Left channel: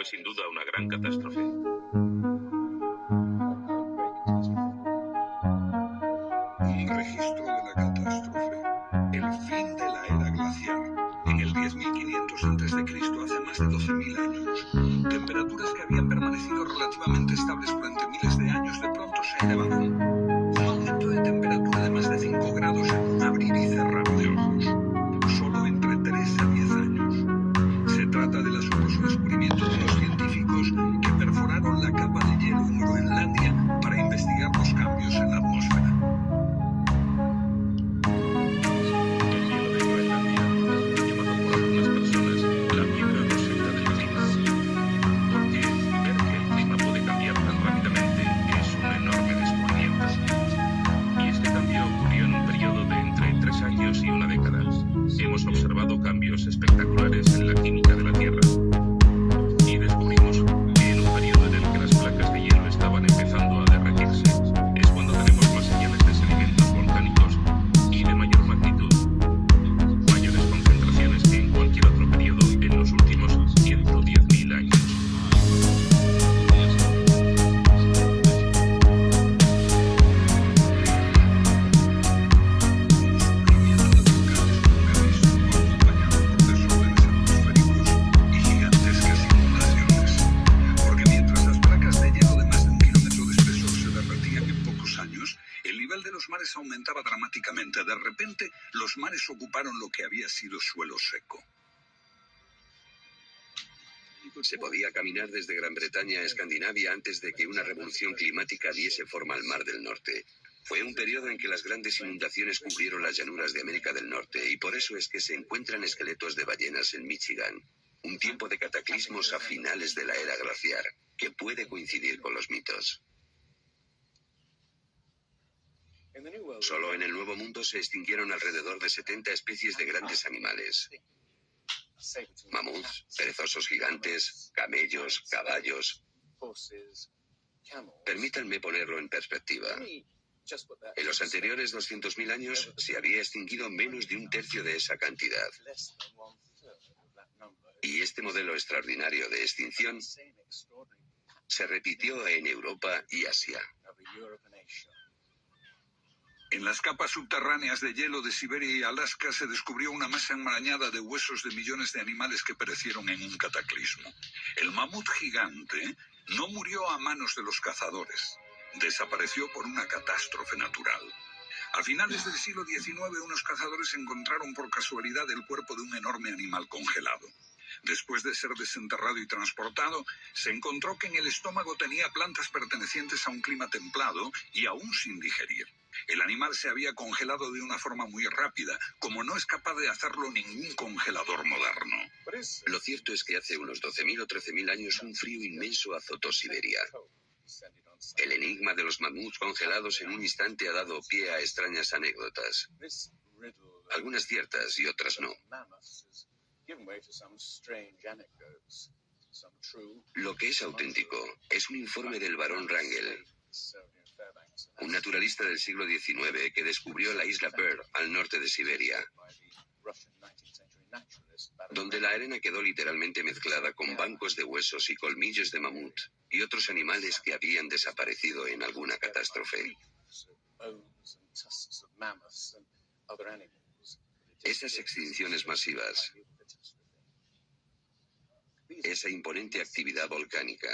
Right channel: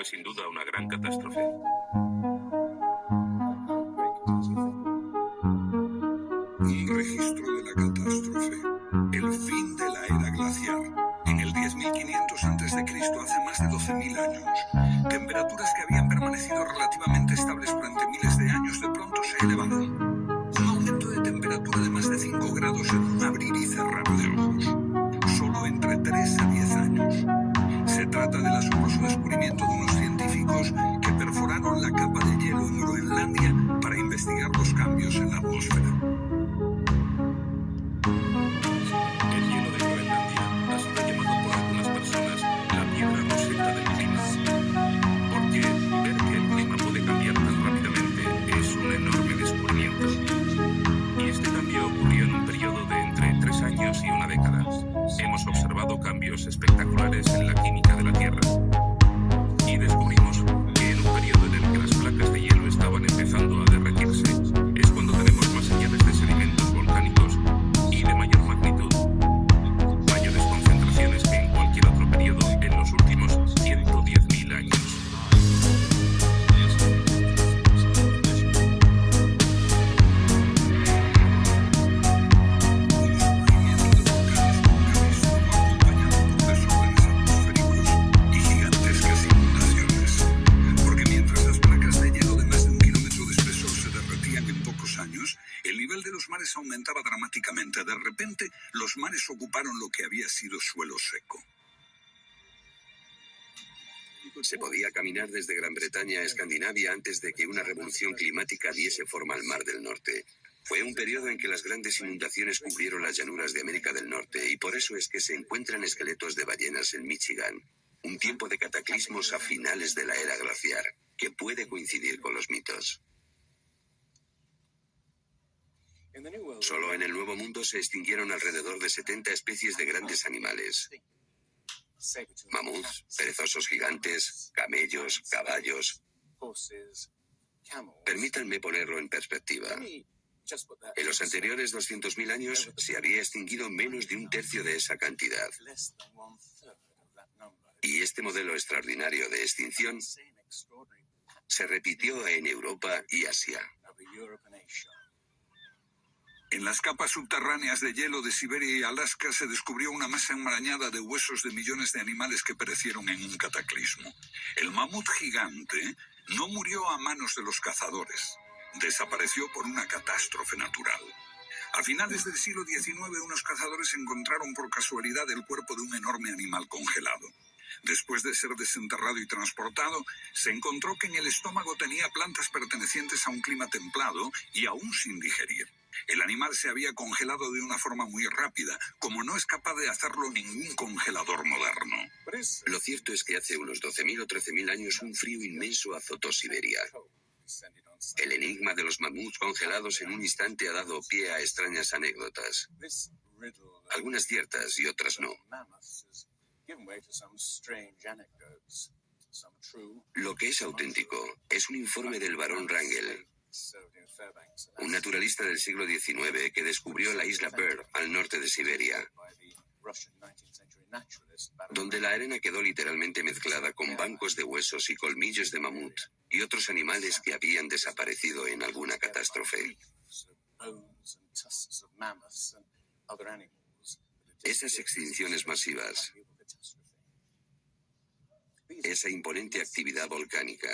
Fue sin duda una gran catástrofe. Un registro de la catástrofe. El fin de la era glaciar. En el 10.500 a.C., hace más de 12.000 años, temperaturas que habían permanecido relativamente estables durante miles de años de pronto se elevaron. Un aumento de temperatura de más de 5 grados en un abrir y cerrar de ojos. Solo entre 3 a 10 años. Se trata del asombroso descubrimiento de unos científicos que perforaron la capa de hielo en Groenlandia para investigar los cambios en la atmósfera. El hielo de Groenlandia ha sido llamado por algunas personas la piedra roseta del clima. Porque ver que el clima puede cambiar tan rápidamente es un enorme descubrimiento. Y este cambio ocurrió en un periodo de entre 3 años y una década. Hemos observado cambios espectaculares en la química de la Tierra. Y descubrimos que en un periodo en el que las placas de hielo estaban empezando a derretirse, es cuando tenemos más señales de sedimentos volcánicos y de mayor magnitud. Mayores concentraciones que en cualquier otro periodo en los últimos 110.000 años. Aumentaba dramáticamente. De repente, los mares ocuparon lo que había sido suelo seco. Se podía caminar desde Gran Bretaña a Escandinavia antes de que una revolución climática diese forma al Mar del Norte. Fue un periodo en que las grandes inundaciones cubrieron las llanuras de América del Norte y por eso es que se encuentran esqueletos de ballenas en Michigan. Un tiempo de cataclismos a finales de la era glaciar, que puede coincidir con los mitos. Solo en el Nuevo Mundo se extinguieron alrededor de 70 especies de grandes animales. Mamuts, perezosos gigantes, camellos, caballos. Permítanme ponerlo en perspectiva. En los anteriores 200.000 años se había extinguido menos de un tercio de esa cantidad. Y este modelo extraordinario de extinción se repitió en Europa y Asia. En las capas subterráneas de hielo de Siberia y Alaska se descubrió una masa enmarañada de huesos de millones de animales que perecieron en un cataclismo. El mamut gigante no murió a manos de los cazadores. Desapareció por una catástrofe natural. A finales del siglo XIX, unos cazadores encontraron por casualidad el cuerpo de un enorme animal congelado. Después de ser desenterrado y transportado, se encontró que en el estómago tenía plantas pertenecientes a un clima templado y aún sin digerir. El animal se había congelado de una forma muy rápida, como no es capaz de hacerlo ningún congelador moderno. Lo cierto es que hace unos 12.000 o 13.000 años un frío inmenso azotó Siberia. El enigma de los mamuts congelados en un instante ha dado pie a extrañas anécdotas. Algunas ciertas y otras no. Lo que es auténtico es un informe del barón Wrangel, un naturalista del siglo XIX que descubrió la isla Byrd al norte de Siberia, donde la arena quedó literalmente mezclada con bancos de huesos y colmillos de mamut y otros animales que habían desaparecido en alguna catástrofe. Esas extinciones masivas, esa imponente actividad volcánica,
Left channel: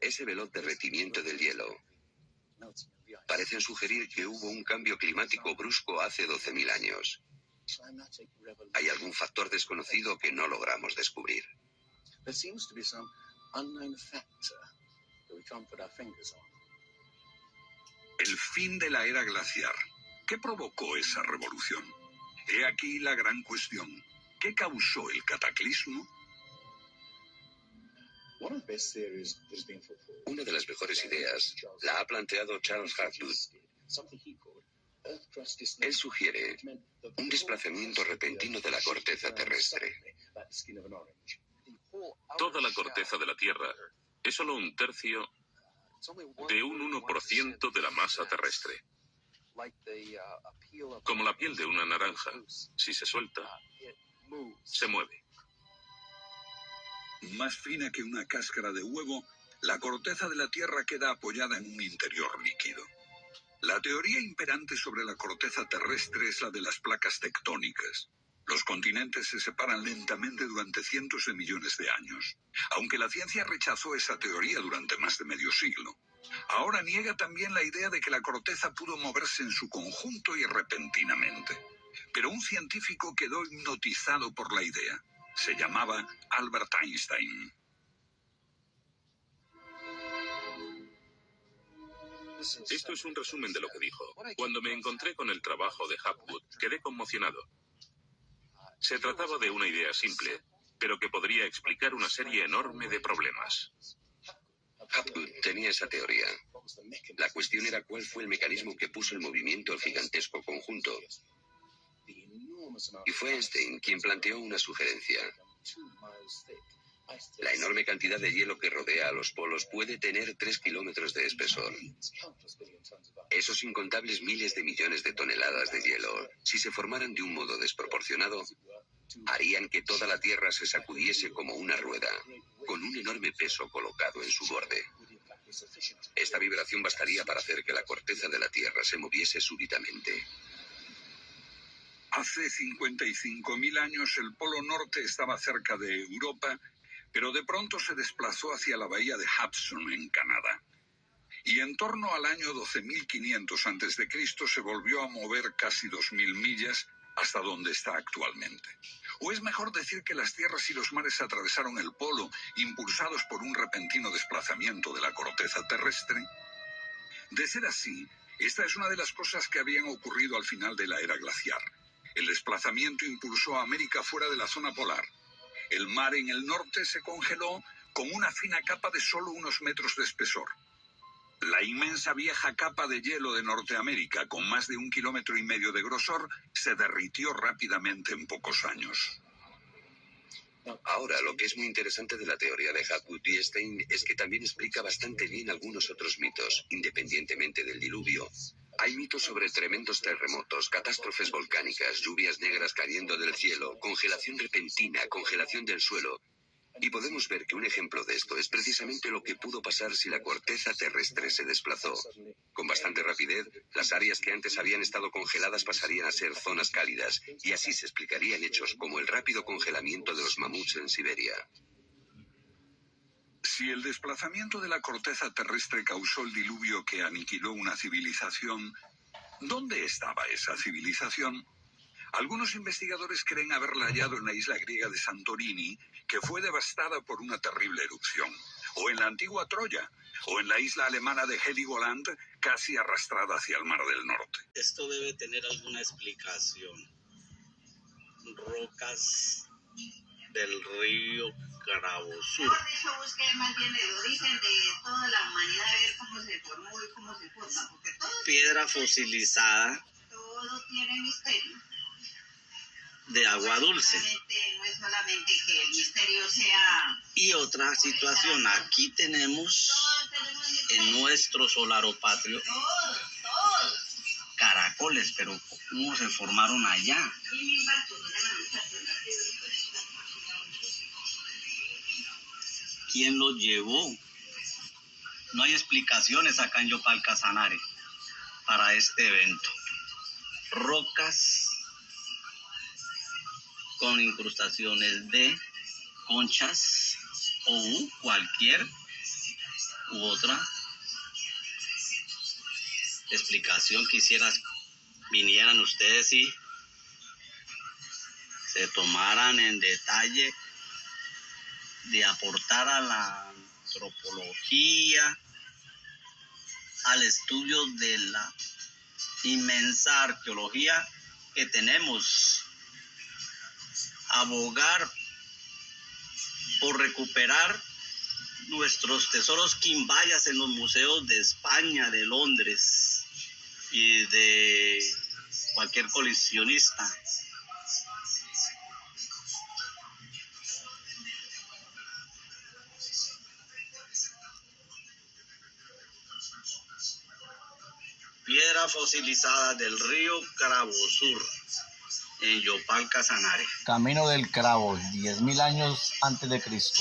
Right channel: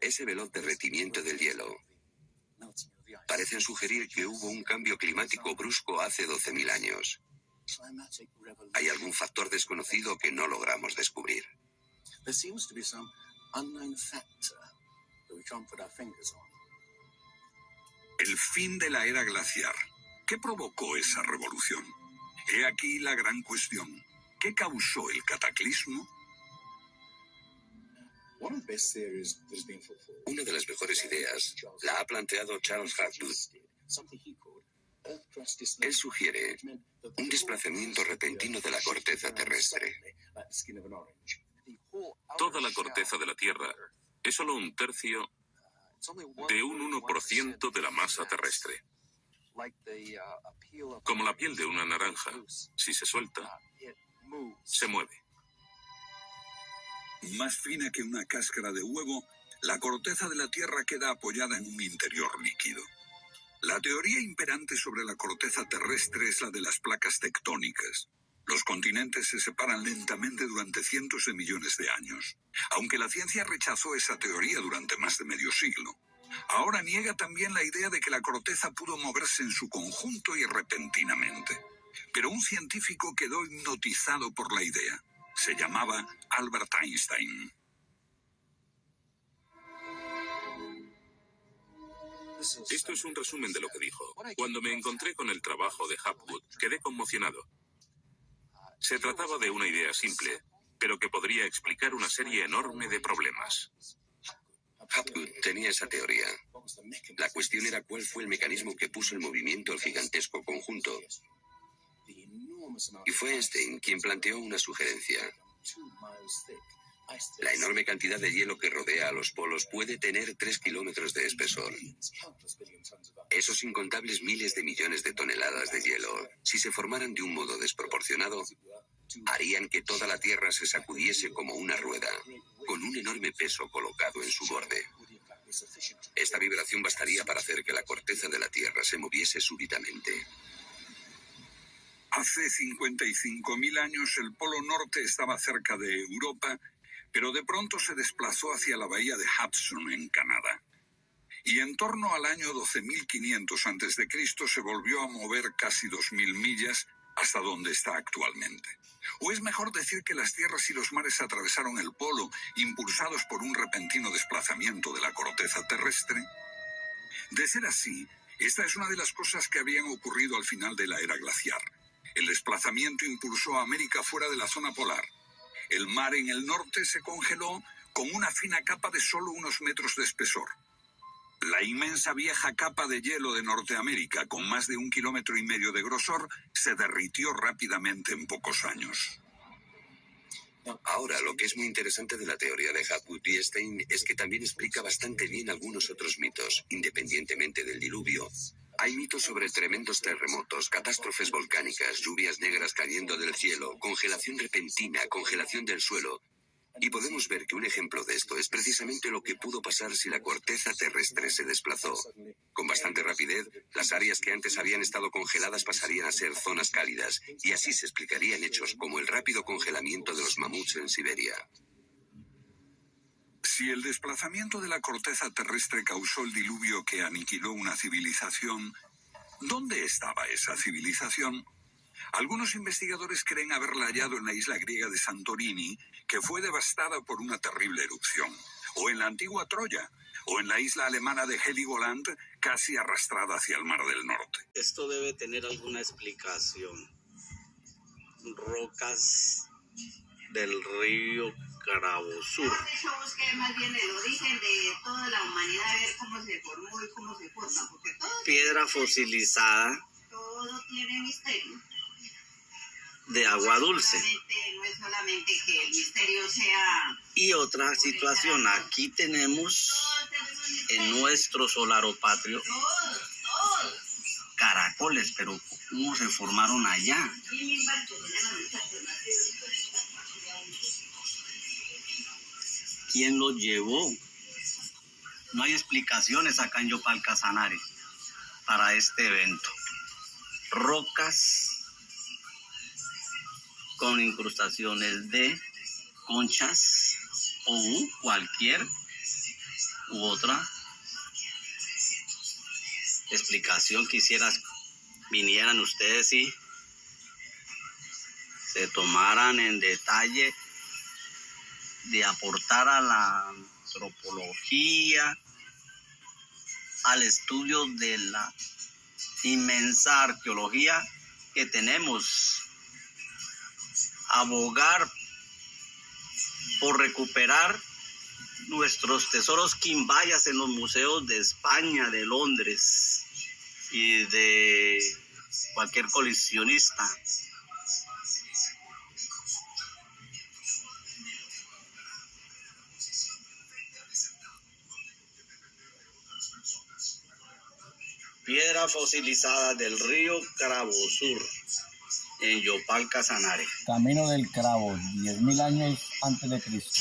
ese veloz derretimiento del hielo, parecen sugerir que hubo un cambio climático brusco hace 12.000 años. Hay algún factor desconocido que no logramos descubrir. El fin de la era glaciar. ¿Qué provocó esa revolución? He aquí la gran cuestión. ¿Qué causó el cataclismo? Una de las mejores ideas la ha planteado Charles Hartwood. Él sugiere un desplazamiento repentino de la corteza terrestre. Toda la corteza de la Tierra es solo un tercio de un 1% de la masa terrestre. Como la piel de una naranja, si se suelta, se mueve. Más fina que una cáscara de huevo, la corteza de la Tierra queda apoyada en un interior líquido. La teoría imperante sobre la corteza terrestre es la de las placas tectónicas. Los continentes se separan lentamente durante cientos de millones de años, aunque la ciencia rechazó esa teoría durante más de medio siglo. Ahora niega también la idea de que la corteza pudo moverse en su conjunto y repentinamente. Pero un científico quedó hipnotizado por la idea. Se llamaba Albert Einstein. Esto es un resumen de lo que dijo. Cuando me encontré con el trabajo de Hapgood, quedé conmocionado. Se trataba de una idea simple, pero que podría explicar una serie enorme de problemas. Hapgood tenía esa teoría. La cuestión era cuál fue el mecanismo que puso en movimiento el gigantesco conjunto. Y fue Einstein quien planteó una sugerencia. La enorme cantidad de hielo que rodea a los polos puede tener 3 kilómetros de espesor. Esos incontables miles de millones de toneladas de hielo, si se formaran de un modo desproporcionado, harían que toda la Tierra se sacudiese como una rueda, con un enorme peso colocado en su borde. Esta vibración bastaría para hacer que la corteza de la Tierra se moviese súbitamente. Hace 55.000 años el Polo Norte estaba cerca de Europa, pero de pronto se desplazó hacia la bahía de Hudson, en Canadá. Y en torno al año 12.500 a.C. se volvió a mover casi 2.000 millas hasta donde está actualmente. O es mejor decir que las tierras y los mares atravesaron el polo, impulsados por un repentino desplazamiento de la corteza terrestre. De ser así, esta es una de las cosas que habían ocurrido al final de la era glaciar. El desplazamiento impulsó a América fuera de la zona polar. El mar en el norte se congeló con una fina capa de solo unos metros de espesor. La inmensa vieja capa de hielo de Norteamérica, con más de 1,5 kilómetros de grosor, se derritió rápidamente en pocos años. Ahora, lo que es muy interesante de la teoría de Hapgood y Einstein es que también explica bastante bien algunos otros mitos, independientemente del diluvio. Hay mitos sobre tremendos terremotos, catástrofes volcánicas, lluvias negras cayendo del cielo, congelación repentina, congelación del suelo. Y podemos ver que un ejemplo de esto es precisamente lo que pudo pasar si la corteza terrestre se desplazó. Con bastante rapidez, las áreas que antes habían estado congeladas pasarían a ser zonas cálidas, y así se explicarían hechos como el rápido congelamiento de los mamuts en Siberia. Si el desplazamiento de la corteza terrestre causó el diluvio que aniquiló una civilización, ¿dónde estaba esa civilización? Algunos investigadores creen haberla hallado en la isla griega de Santorini, que fue devastada por una terrible erupción, o en la antigua Troya, o en la isla alemana de Heligoland, casi arrastrada hacia el Mar del Norte. Esto debe tener alguna explicación. Rocas del río Carabosur. Por eso busqué más bien el origen de toda la humanidad, a ver cómo se formó y cómo se forma, porque Piedra fosilizada todo tiene misterio. de agua dulce. No es solamente que el misterio sea... Y otra situación, aquí tenemos en nuestro solaropatrio caracoles, pero ¿cómo se formaron allá? ¿Quién los llevó? No hay explicaciones acá en Yopal Casanare para este evento. Rocas con incrustaciones de conchas o cualquier u otra explicación quisieras vinieran ustedes y se tomaran en detalle de aportar a la antropología, al estudio de la inmensa arqueología que tenemos, abogar por recuperar nuestros tesoros quimbayas en los museos de España, de Londres y de cualquier coleccionista. Piedra fosilizada del río Carabosur, en Yopal Casanare. Camino del Cravo, 10.000 años antes de Cristo.